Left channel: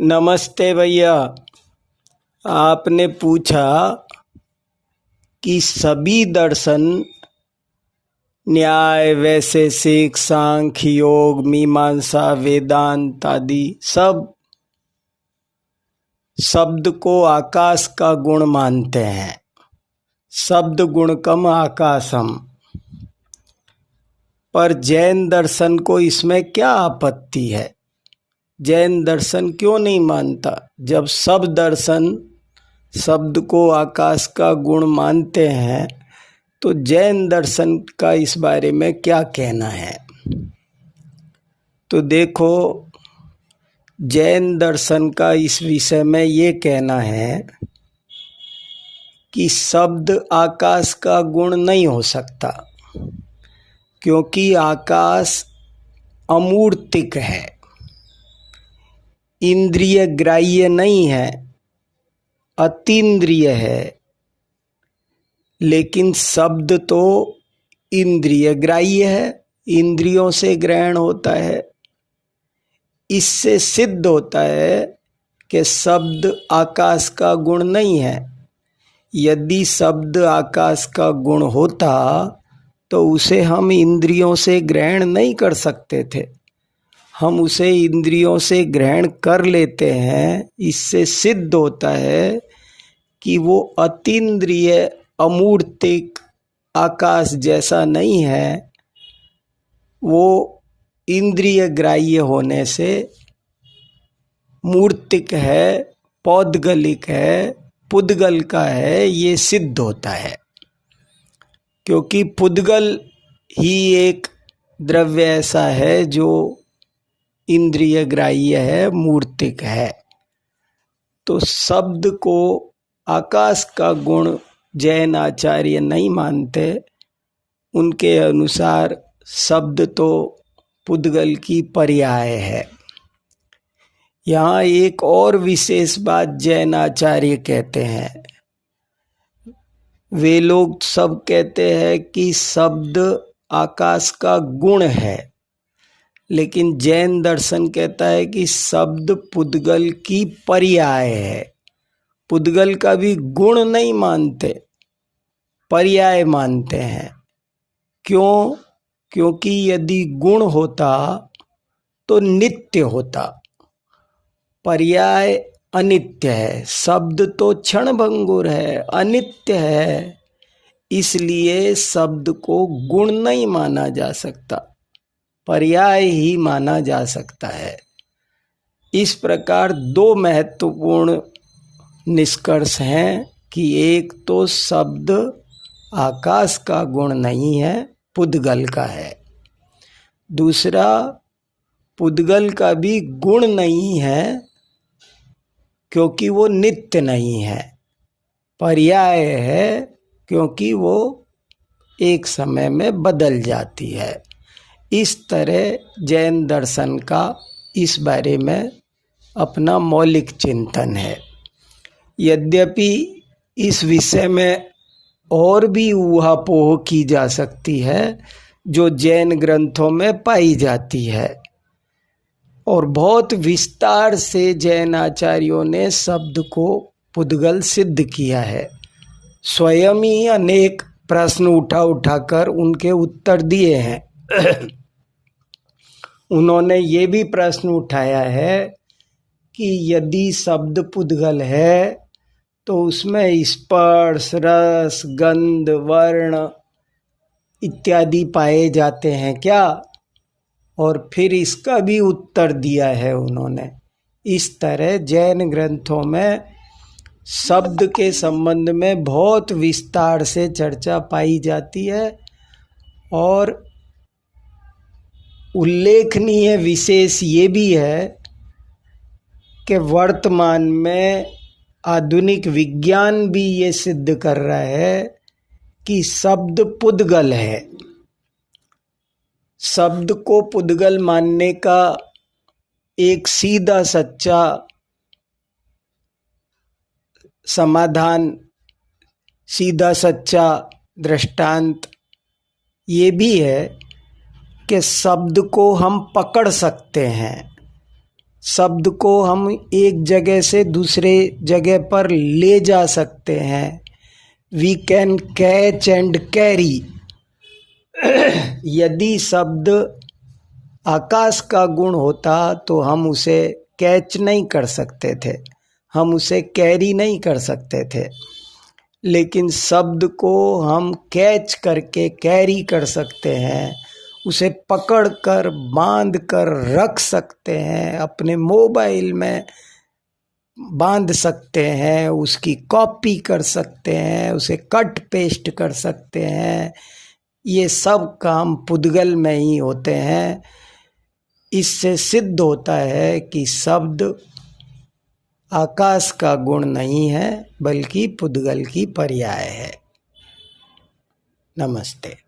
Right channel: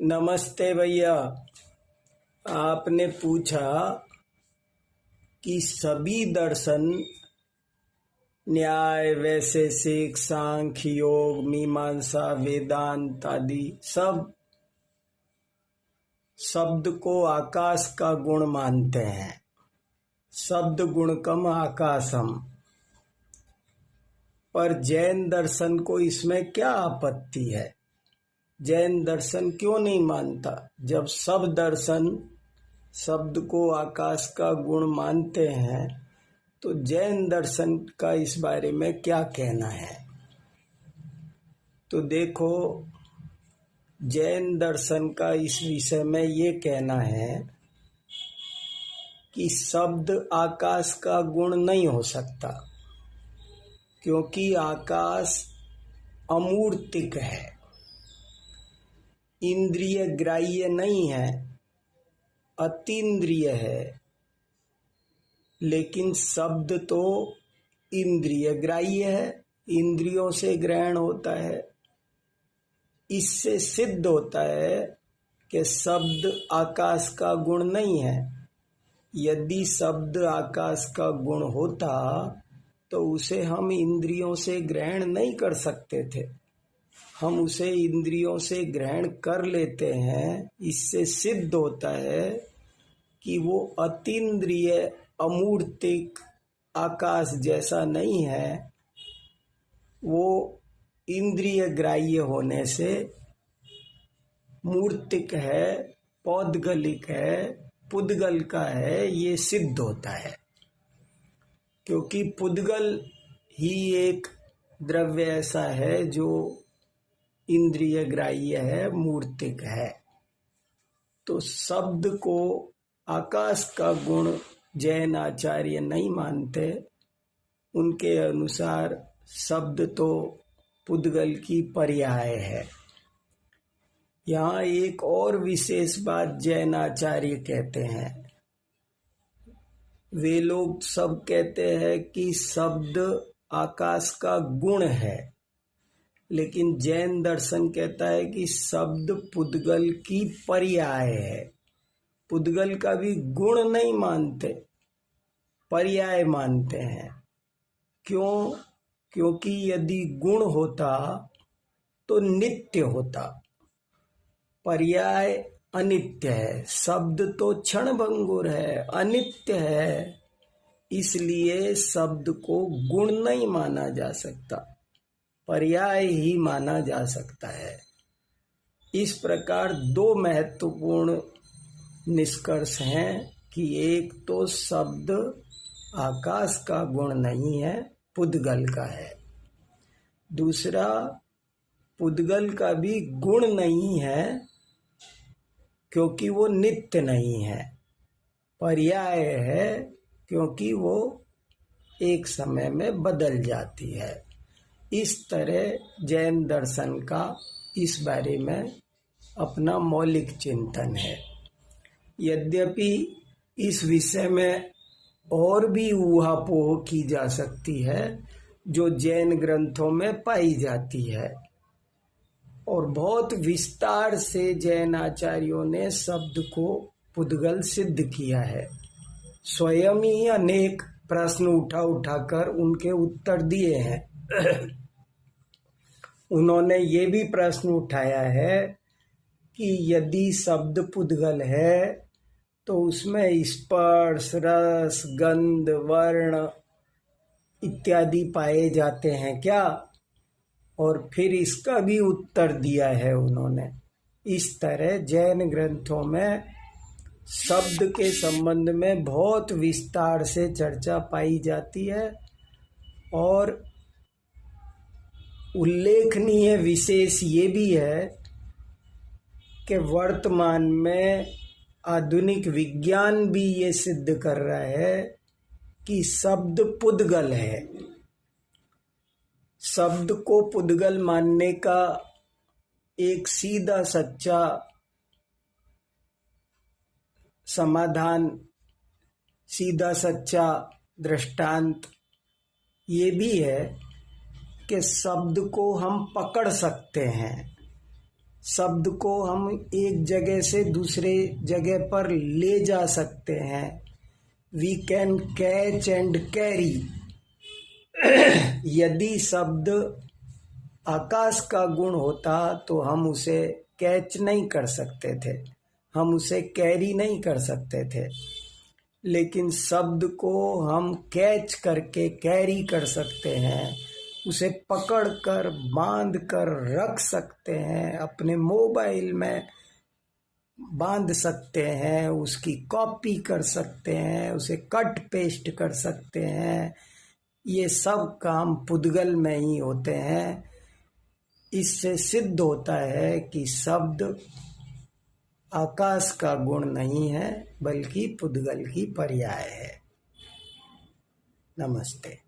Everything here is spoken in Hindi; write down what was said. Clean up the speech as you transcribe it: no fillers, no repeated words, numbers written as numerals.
नमस्ते भैया। आपने पूछा कि सभी दर्शन न्याय, वैशेषिक, सांख्य, योग, मीमांसा, वेदांत आदि सब शब्द को आकाश का गुण मानते हैं। शब्द गुणकम आकाशम। पर जैन दर्शन को इसमें क्या आपत्ति है? जैन दर्शन क्यों नहीं मानता? जब सब दर्शन शब्द को आकाश का गुण मानते हैं तो जैन दर्शन का इस बारे में क्या कहना है? तो देखो, जैन दर्शन का इस विषय में ये कहना है कि शब्द आकाश का गुण नहीं हो सकता, क्योंकि आकाश अमूर्तिक है, इंद्रिय ग्राह्य नहीं है, अतीन्द्रिय है। लेकिन शब्द तो इंद्रिय ग्राह्य है, इंद्रियों से ग्रहण होता है। इससे सिद्ध होता है कि शब्द आकाश का गुण नहीं है। यदि शब्द आकाश का गुण होता तो उसे हम इंद्रियों से ग्रहण नहीं कर सकते थे। हम उसे इंद्रियों से ग्रहण कर लेते हैं। इससे सिद्ध होता है कि वो अतीन्द्रिय अमूर्तिक आकाश जैसा नहीं है, वो इंद्रिय ग्राह्य होने से मूर्तिक है, पौद्गलिक है, पुद्गल का है, ये सिद्ध होता है। क्योंकि पुद्गल ही एक द्रव्य ऐसा है जो इंद्रिय ग्राह्य है, मूर्तिक है। तो शब्द को आकाश का गुण जैन आचार्य नहीं मानते। उनके अनुसार शब्द तो पुद्गल की पर्याय है। यहाँ एक और विशेष बात जैन आचार्य कहते हैं। वे लोग सब कहते हैं कि शब्द आकाश का गुण है, लेकिन जैन दर्शन कहता है कि शब्द पुद्गल की पर्याय है। पुद्गल का भी गुण नहीं मानते, पर्याय मानते हैं। क्यों? क्योंकि यदि गुण होता तो नित्य होता, पर्याय अनित्य है। शब्द तो क्षणभंगुर है, अनित्य है, इसलिए शब्द को गुण नहीं माना जा सकता, पर्याय ही माना जा सकता है। इस प्रकार दो महत्वपूर्ण निष्कर्ष हैं कि एक तो शब्द आकाश का गुण नहीं है, पुद्गल का है। दूसरा, पुद्गल का भी गुण नहीं है, क्योंकि वो नित्य नहीं है, पर्याय है, क्योंकि वो एक समय में बदल जाती है। इस तरह जैन दर्शन का इस बारे में अपना मौलिक चिंतन है। यद्यपि इस विषय में और भी ऊहापोह की जा सकती है जो जैन ग्रंथों में पाई जाती है, और बहुत विस्तार से जैन आचार्यों ने शब्द को पुद्गल सिद्ध किया है। स्वयं ही अनेक प्रश्न उठाकर उनके उत्तर दिए हैं। उन्होंने ये भी प्रश्न उठाया है कि यदि शब्द पुद्गल है तो उसमें स्पर्श, रस, गंध, वर्ण इत्यादि पाए जाते हैं क्या? और फिर इसका भी उत्तर दिया है उन्होंने। इस तरह जैन ग्रंथों में शब्द के संबंध में बहुत विस्तार से चर्चा पाई जाती है। और उल्लेखनीय विशेष ये भी है कि वर्तमान में आधुनिक विज्ञान भी ये सिद्ध कर रहा है कि शब्द पुद्गल है। शब्द को पुद्गल मानने का एक सीधा सच्चा समाधान, सीधा सच्चा दृष्टांत ये भी है कि शब्द को हम पकड़ सकते हैं, शब्द को हम एक जगह से दूसरे जगह पर ले जा सकते हैं। We can catch and carry. यदि शब्द आकाश का गुण होता तो हम उसे कैच नहीं कर सकते थे, हम उसे कैरी नहीं कर सकते थे। लेकिन शब्द को हम कैच करके कैरी कर सकते हैं, उसे पकड़ कर बांध कर रख सकते हैं, अपने मोबाइल में बांध सकते हैं, उसकी कॉपी कर सकते हैं, उसे कट पेस्ट कर सकते हैं। ये सब काम पुद्गल में ही होते हैं। इससे सिद्ध होता है कि शब्द आकाश का गुण नहीं है बल्कि पुद्गल की पर्याय है। नमस्ते।